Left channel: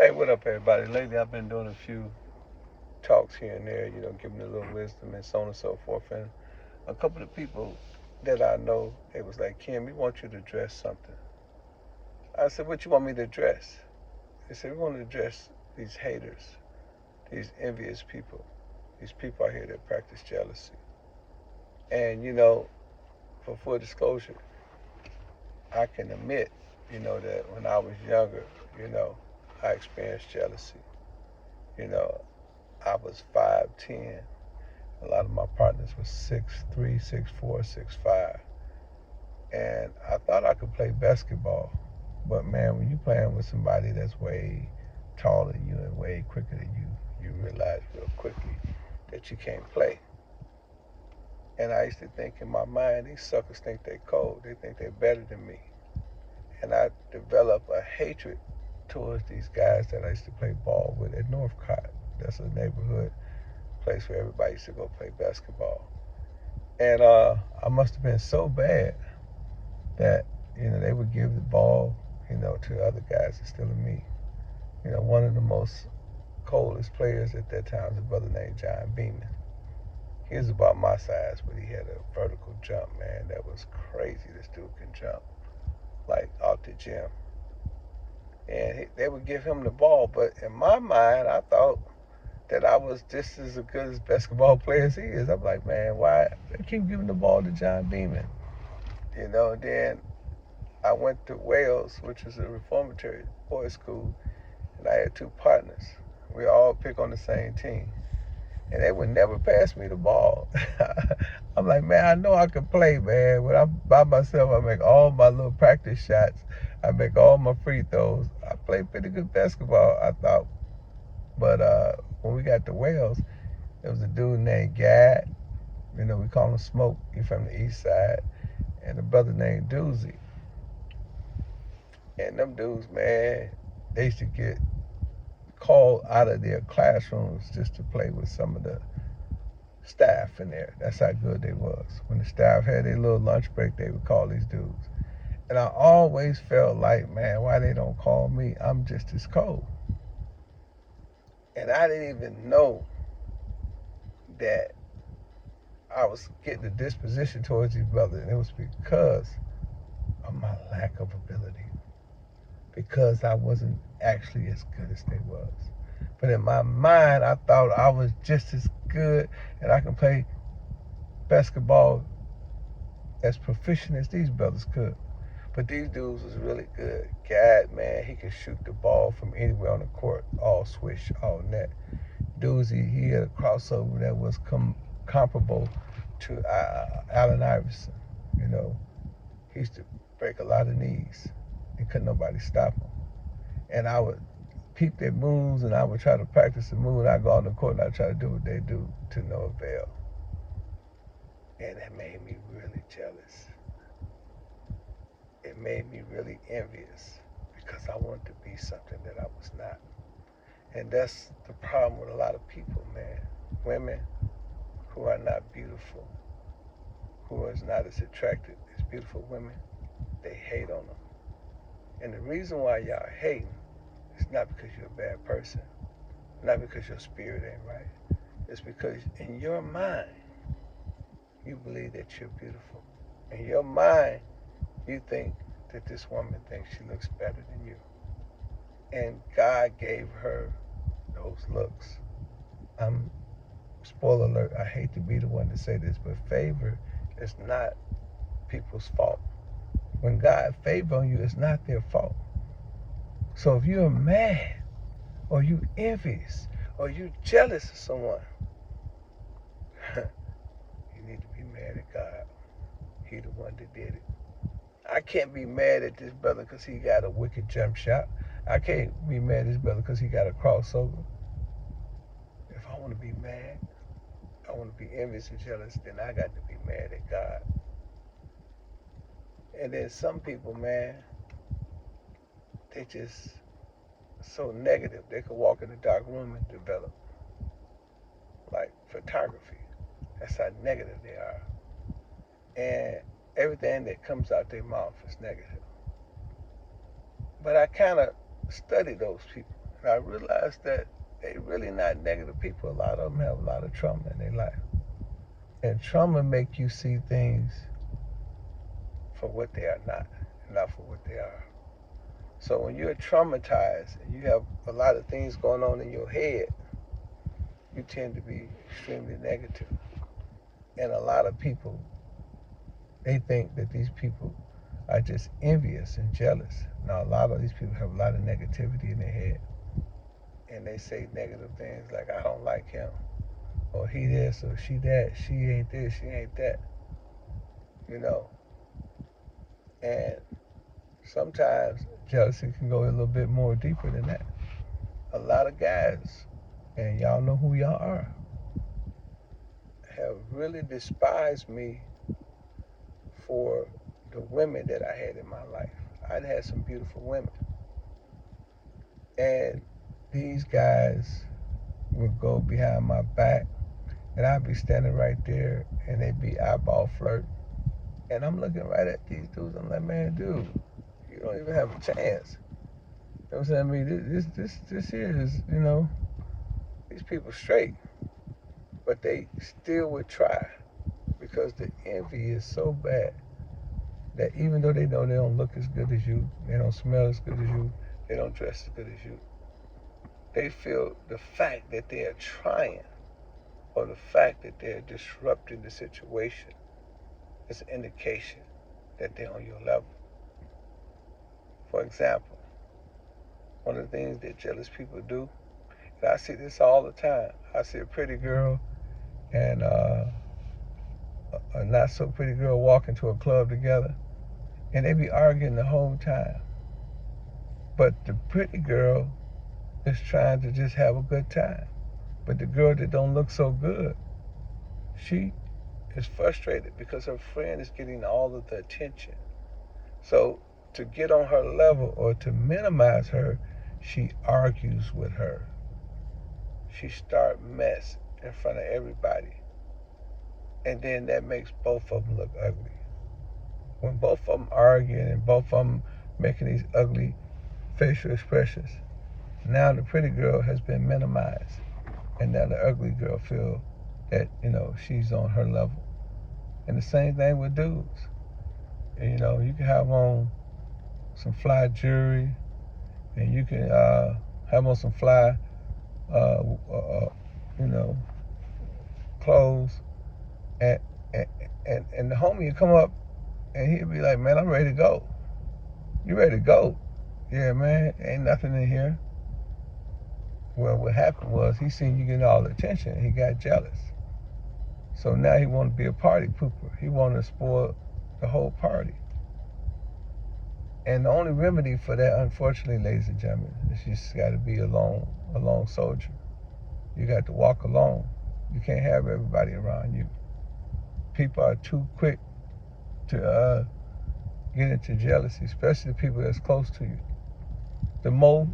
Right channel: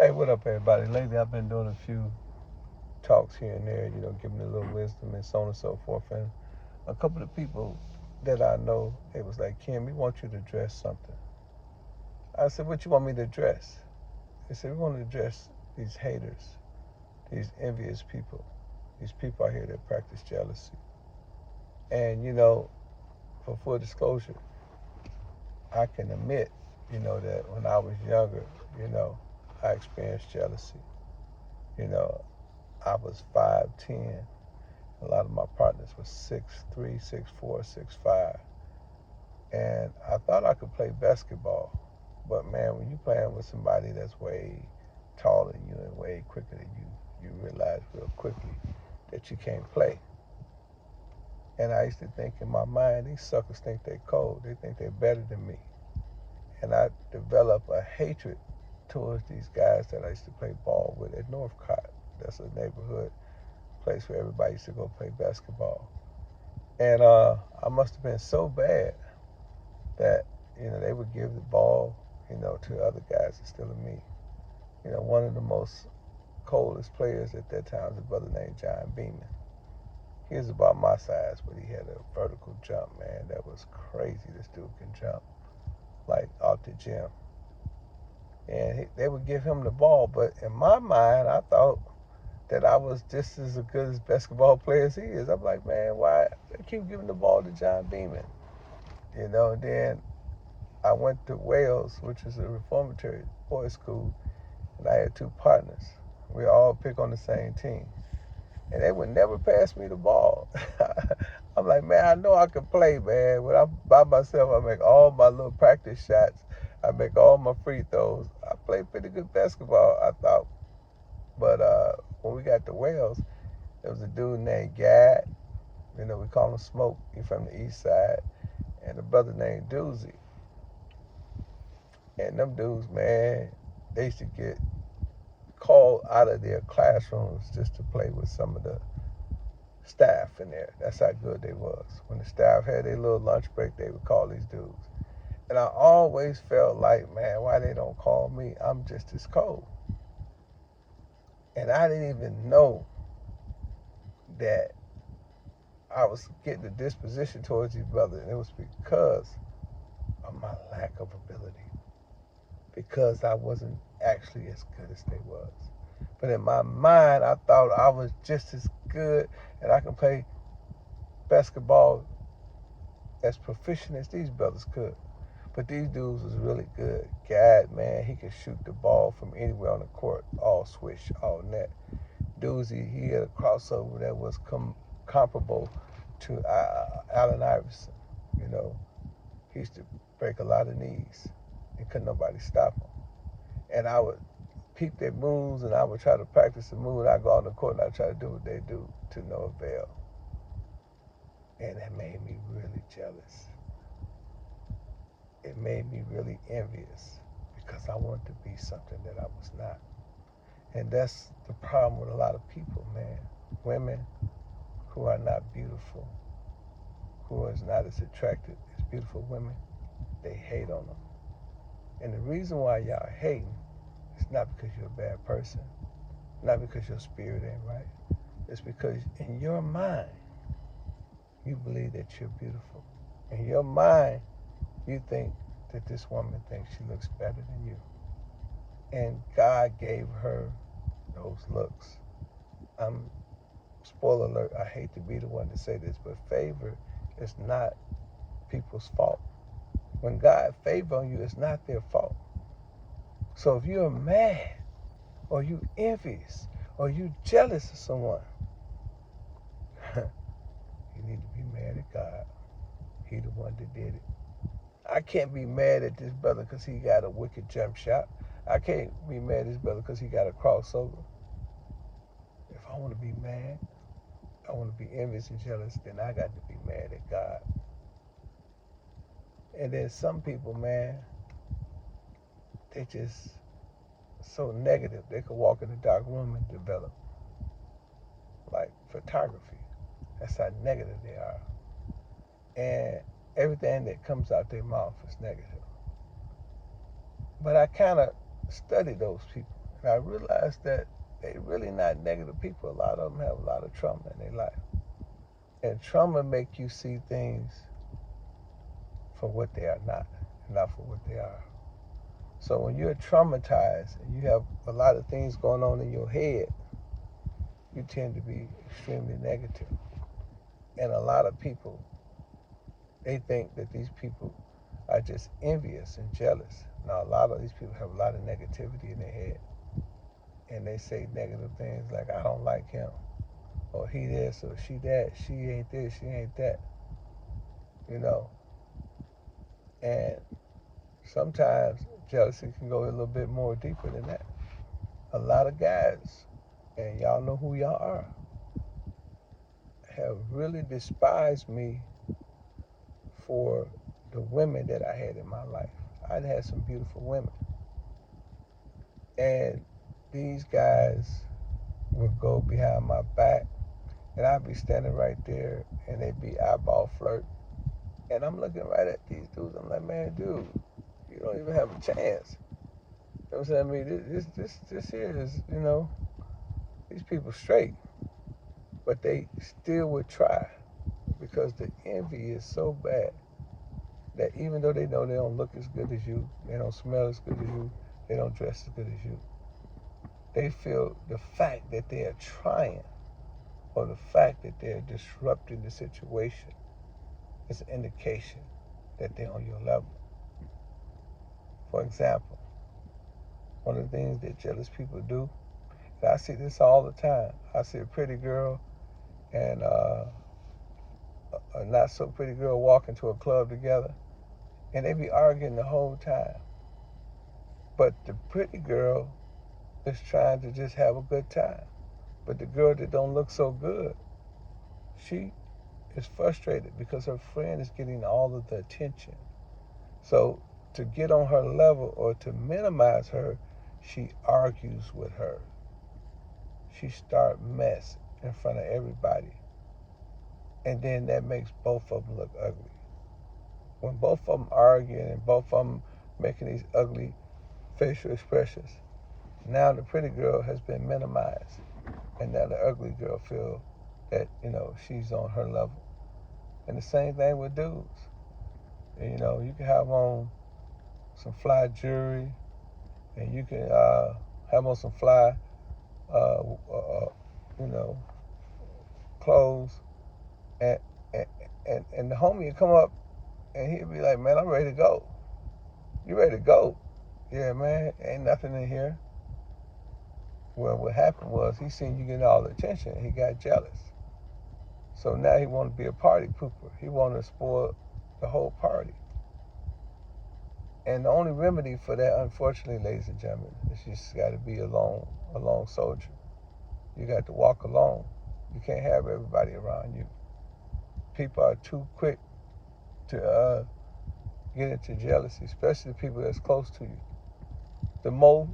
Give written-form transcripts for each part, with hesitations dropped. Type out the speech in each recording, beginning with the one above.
Hey, what up, everybody? Lately, I've been doing a few talks here and there, giving a little wisdom and so on and so forth. And a couple of people that I know, it was like, Kim, we want you to address something. I said, what you want me to address? They said, we want to address these haters, these envious people, these people out here that practice jealousy. And, for full disclosure, I can admit, that when I was younger, I experienced jealousy. You know, I was 5'10". A lot of my partners were 6'3", 6'4", 6'5". And I thought I could play basketball. But man, when you playing with somebody that's way taller than you and way quicker than you realize real quickly that you can't play. And I used to think in my mind, these suckers think they're cold. They think they're better than me. And I developed a hatred towards these guys that I used to play ball with at Northcott. That's a neighborhood place where everybody used to go play basketball. And I must have been so bad that, they would give the ball, to other guys instead of me. One of the most coldest players at that time was a brother named John Beeman. He was about my size, but he had a vertical jump, man. That was crazy. This dude can jump, like, off the gym. And they would give him the ball, but in my mind, I thought that I was just as good as basketball player as he is. I'm like, man, why they keep giving the ball to John Beeman? Then I went to Wales, which was a reformatory boys' school, and I had two partners. We all pick on the same team. And they would never pass me the ball. I'm like, man, I know I can play, man. When I'm by myself, I make all my little practice shots. I make all my free throws. I play pretty good basketball, I thought. But when we got to Wales, there was a dude named Gad. We call him Smoke. He's from the east side. And a brother named Doozy. And them dudes, man, they used to get called out of their classrooms just to play with some of the staff in there. That's how good they was. When the staff had their little lunch break, they would call these dudes. And I always felt like, man, why they don't call me? I'm just as cold. And I didn't even know that I was getting a disposition towards these brothers. And it was because of my lack of ability. Because I wasn't actually as good as they was. But in my mind, I thought I was just as good and I can play basketball as proficient as these brothers could. But these dudes was really good. God, man, he could shoot the ball from anywhere on the court, all swish, all net. Doozy, he had a crossover that was comparable to Allen Iverson. He used to break a lot of knees and couldn't nobody stop him. And I would peep their moves and I would try to practice the move. I'd go on the court and I'd try to do what they do to no avail. And it made me really jealous. It made me really envious because I wanted to be something that I was not. And that's the problem with a lot of people, man. Women who are not beautiful, who are not as attractive as beautiful women, they hate on them. And the reason why y'all hating is not because you're a bad person, not because your spirit ain't right. It's because in your mind, you believe that you're beautiful. In your mind, you think that this woman thinks she looks better than you. And God gave her those looks. Spoiler alert, I hate to be the one to say this, but favor is not people's fault. When God favors you, it's not their fault. So if you're mad, or you envious, or you jealous of someone, you need to be mad at God. He the one that did it. I can't be mad at this brother because he got a wicked jump shot. I can't be mad at this brother because he got a crossover. If I want to be mad, I want to be envious and jealous, then I got to be mad at God. And then some people, man, they just so negative. They could walk in a dark room and develop. Like photography. That's how negative they are. And everything that comes out their mouth is negative. But I kind of study those people. And I realized that they really not negative people. A lot of them have a lot of trauma in their life. And trauma make you see things for what they are not, and not for what they are. So when you're traumatized and you have a lot of things going on in your head, you tend to be extremely negative. And a lot of people, they think that these people are just envious and jealous. Now, a lot of these people have a lot of negativity in their head. And they say negative things like, I don't like him, or he this, or she that, she ain't this, she ain't that, you know. And sometimes jealousy can go a little bit more deeper than that. A lot of guys, and y'all know who y'all are, have really despised me for the women that I had in my life. I'd had some beautiful women. And these guys would go behind my back, and I'd be standing right there, and they'd be eyeball flirting. And I'm looking right at these dudes. I'm like, man, dude, you don't even have a chance. You know what I'm saying? I mean, this here is, you know, these people straight. But they still would try because the envy is so bad that even though they know they don't look as good as you, they don't smell as good as you, they don't dress as good as you, they feel the fact that they are trying or the fact that they're disrupting the situation is an indication that they're on your level. For example, one of the things that jealous people do, and I see this all the time. I see a pretty girl and a not so pretty girl walk into a club together, and they be arguing the whole time. But the pretty girl is trying to just have a good time. But the girl that don't look so good, she is frustrated because her friend is getting all of the attention. So to get on her level or to minimize her, she argues with her. She start mess in front of everybody. And then that makes both of them look ugly. When both of them arguing and both of them making these ugly facial expressions, now the pretty girl has been minimized. And now the ugly girl feel that, you know, she's on her level. And the same thing with dudes. And, you know, you can have on some fly jewelry, and you can have on some fly, you know, clothes, and the homie you come up, and he'll be like, man, I'm ready to go. You ready to go? Yeah, man, ain't nothing in here. Well, what happened was he seen you getting all the attention, and he got jealous. So now he want to be a party pooper. He want to spoil the whole party. And the only remedy for that, unfortunately, ladies and gentlemen, is you just got to be a lone soldier. You got to walk alone. You can't have everybody around you. People are too quick to get into jealousy, especially the people that's close to you. The most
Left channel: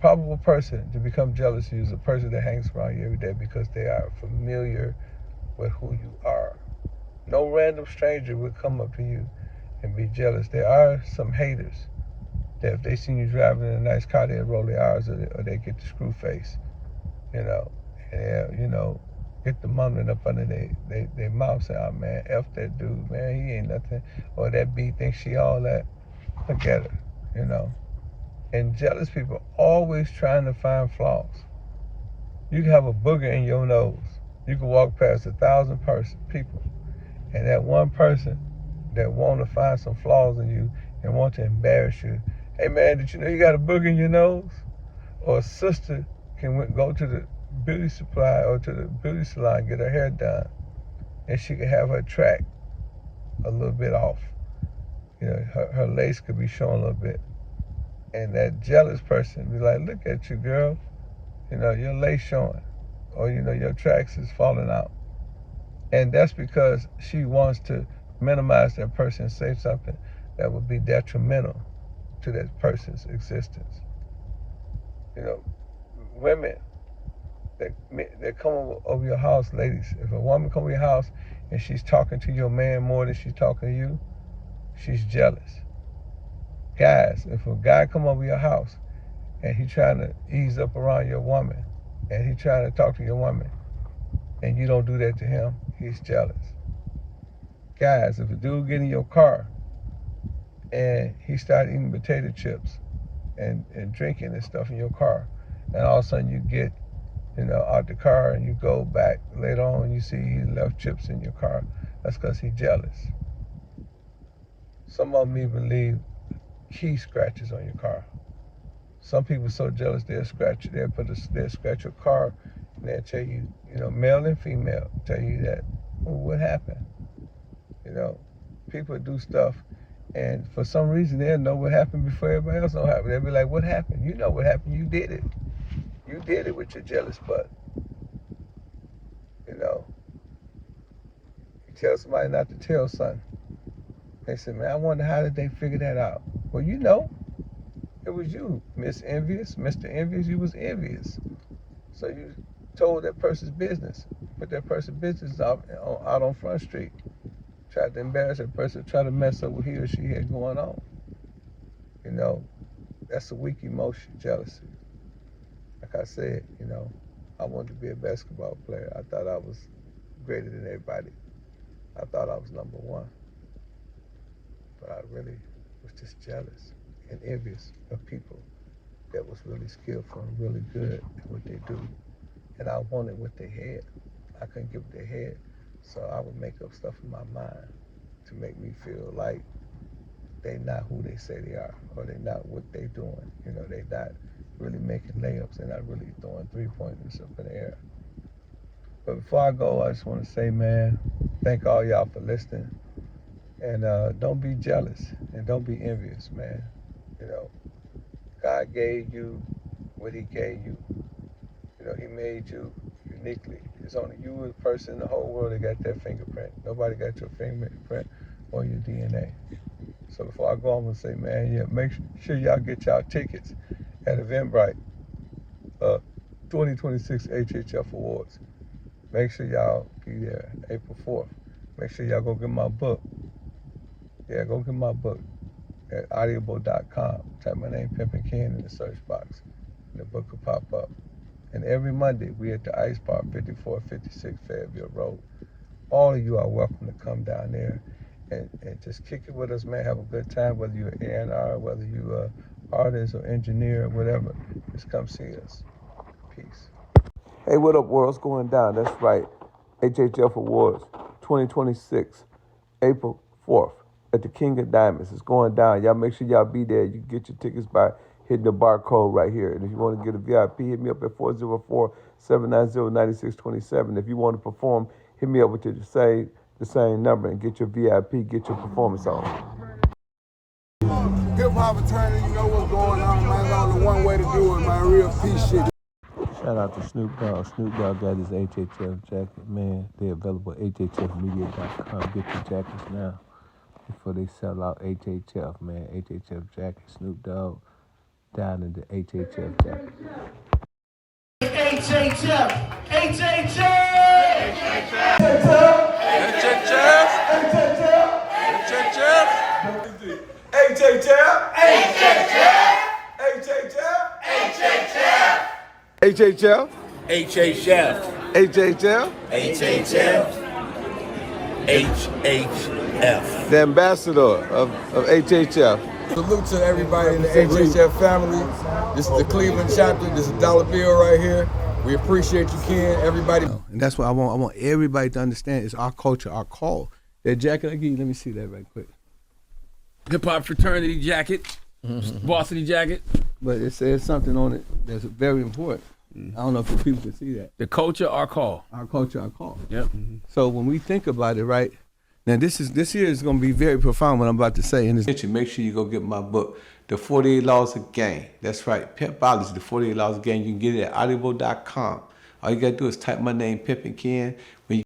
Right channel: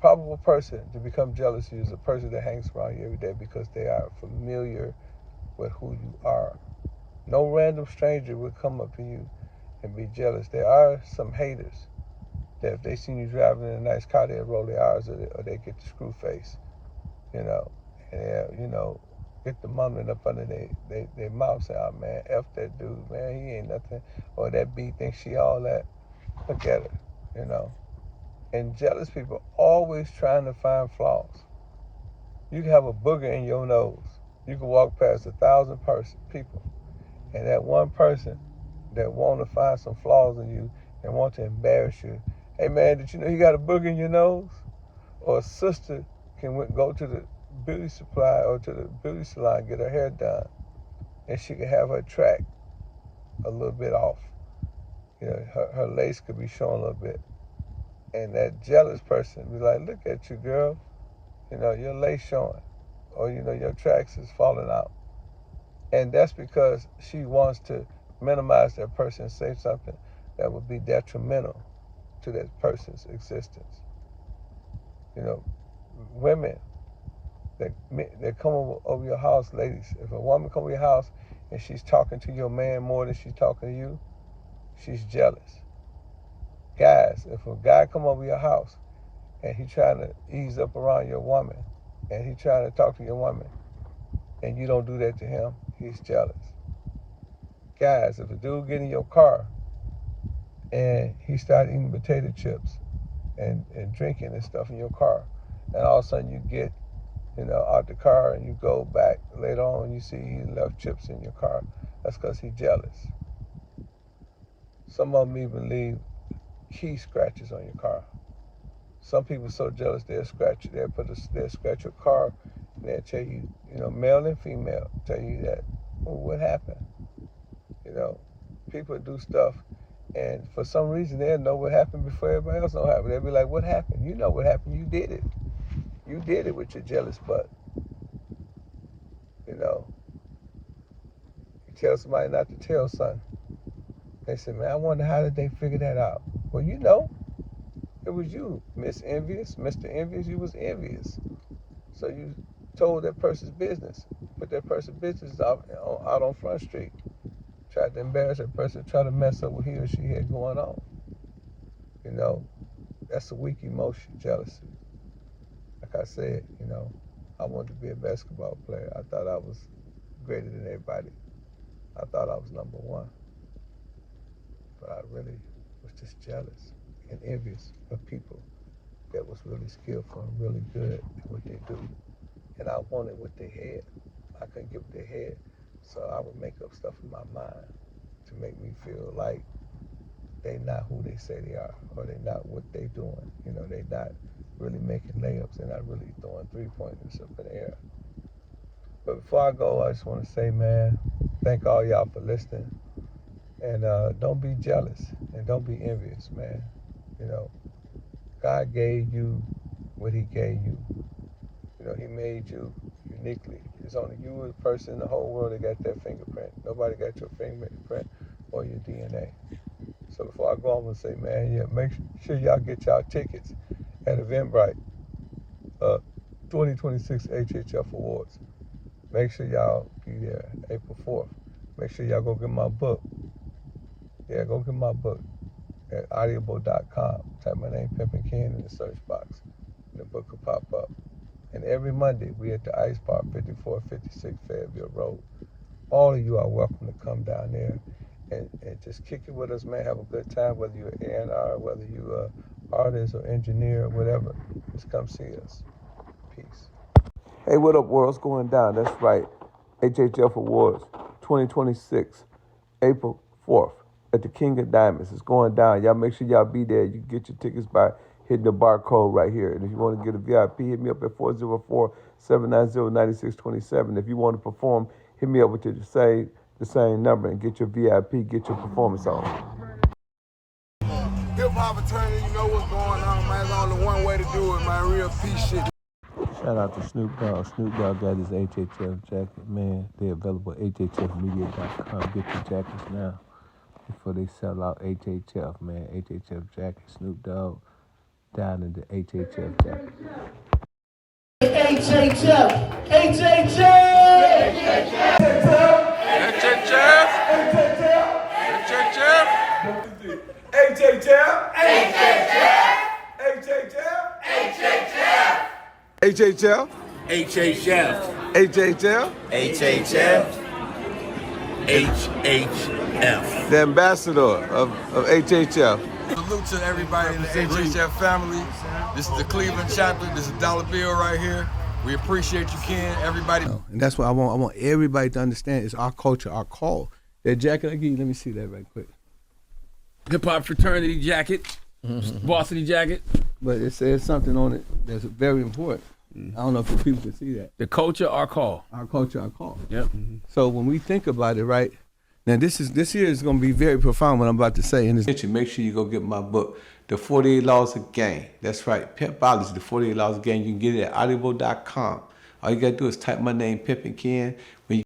probable person to become jealous is a person that hangs around you every day because they are familiar with who you are. No random stranger would come up to you and be jealous. There are some haters that if they see you driving in a nice car, they'll roll their eyes or they get the screw face, you know, and you know, get the mumbling up under their mouth, say, oh man, F that dude, man, he ain't nothing, or that B thinks she all that. Look at her, you know. And jealous people always trying to find flaws. You can have a booger in your nose. You can walk past 1,000 people, and that one person that want to find some flaws in you and want to embarrass you. Hey man, did you know you got a booger in your nose? Or a sister can go to the beauty supply or to the beauty salon, get her hair done, and she can have her track a little bit off. You know, her lace could be showing a little bit. And that jealous person be like, look at you, girl. You know, your lace showing. Or, you know, your tracks is falling out. And that's because she wants to minimize that person and say something that would be detrimental to that person's existence. You know, women that come over your house, ladies, if a woman come over your house and she's talking to your man more than she's talking to you, she's jealous. Guys, if a guy come over your house and he trying to ease up around your woman, and he trying to talk to your woman, and you don't do that to him, he's jealous. Guys, if a dude get in your car and he start eating potato chips and drinking and stuff in your car, and all of a sudden you get, out the car and you go back later on and you see he left chips in your car, that's because he's jealous. Some of them even leave key scratches on your car. Some people are so jealous they'll scratch your car and they'll tell you, male and female, tell you that, what happened? People do stuff, and for some reason they'll know what happened before everybody else know happen. They'll be like, what happened? You know what happened, you did it. You did it with your jealous butt. You tell somebody not to tell something. They say, man, I wonder how did they figure that out? Well, it was you, Miss Envious, Mr. Envious, you was envious. So you told that person's business, put that person's business out on Front Street. Tried to embarrass that person, try to mess up what he or she had going on. That's a weak emotion, jealousy. Like I said, I wanted to be a basketball player. I thought I was greater than everybody. I thought I was number one. But I really was just jealous and envious of people that was really skillful and really good at what they do. And I wanted what they had. I couldn't get what they had. So I would make up stuff in my mind to make me feel like they not who they say they are, or they not what they doing. They not really making layups. They're not really throwing three-pointers up in the air. But before I go, I just want to say, man, thank all y'all for listening. And don't be jealous and don't be envious, man. God gave you what he gave you. He made you uniquely. It's only you as a person in the whole world that got that fingerprint. Nobody got your fingerprint or your DNA. So before I go, I'm going to say, man, make sure y'all get y'all tickets at Eventbrite, 2026 HHF Awards. Make sure y'all be there April 4th. Make sure y'all go get my book. Yeah, go get my book at audible.com. Type my name, Pimping in the search box. And the book will pop up. And every Monday, we at the Ice Bar, 5456 Fayetteville Road. All of you are welcome to come down there and just kick it with us, man. Have a good time, whether you're an A&R, whether you're an artist or engineer or whatever. Just come see us. Peace. Hey, what up, world? It's going down. That's right. HHF Awards 2026, April 4th at the King of Diamonds. It's going down. Y'all make sure y'all be there. You can get your tickets by hitting the barcode right here. And if you want to get a VIP, hit me up at 404-790-9627. If you want to perform, hit me up with the same number and get your VIP, get your performance on. Hip-hop attorney, you know what's going on, man. There's only one way to do it, man. Real peace shit. Shout out to Snoop Dogg. Snoop Dogg got his HHF jacket, man. They're available at hhfmedia.com. Get your jackets now before they sell out HHF, man. HHF jacket, Snoop Dogg down in the HHF jacket. HHF! HHF! HHF. HHF. HHF. HHF. HHF. The ambassador of HHF. Salute to everybody in the HHF family. This is the Cleveland chapter. This is $1 bill right here. We appreciate you, Ken. Everybody. And that's what I want everybody to understand. It's our culture, our call. That jacket I give you, let me see that right quick. Hip-hop fraternity jacket. Varsity jacket. But it says something on it that's very important. I don't know if the people can see that. The culture, our call. Our culture, our call. Yep. So when we think about it, right, now this here is going to be very profound what I'm about to say. And make sure you go get my book, The 48 Laws of Game. That's right, Pimpology, The 48 Laws of Game. You can get it at audible.com. All you got to do is type my name, Pimping. When you